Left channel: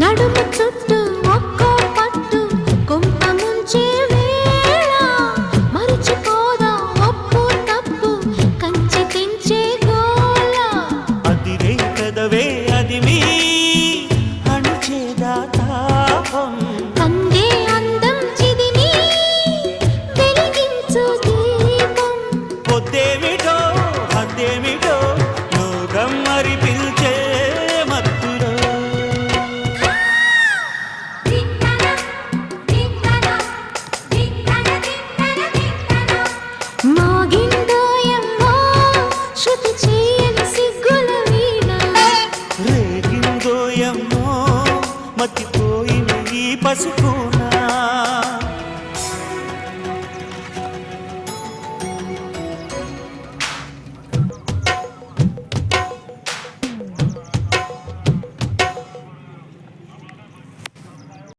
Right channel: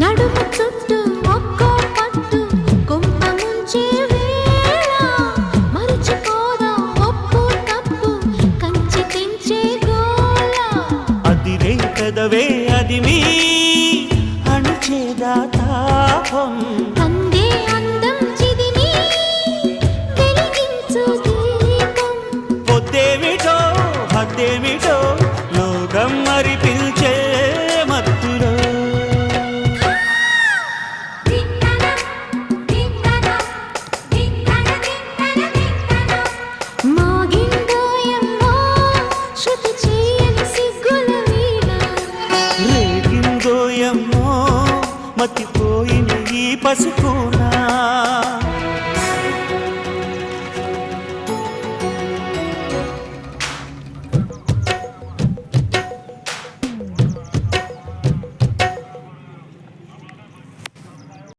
నడుము చుట్టూ ఒక్కో పట్టు కొంప ముంచే వేళ మరిచిపోదా ఒప్పు తప్పు కంచి తెంచే గోల అదిరే పెదవే అది మీ అణిచేదా తాపం కందే అందం చిదిమి వెలిగించు దీపం పొద్దేమిటో హద్దేమిటో లోకం మరి పిలిచే మత్తులో మోగిందోయమ్మో శృతి చేయని సిగ్గుల వీణ రేగిందోయమ్మో మతిపోయిన ఈ పసుకునా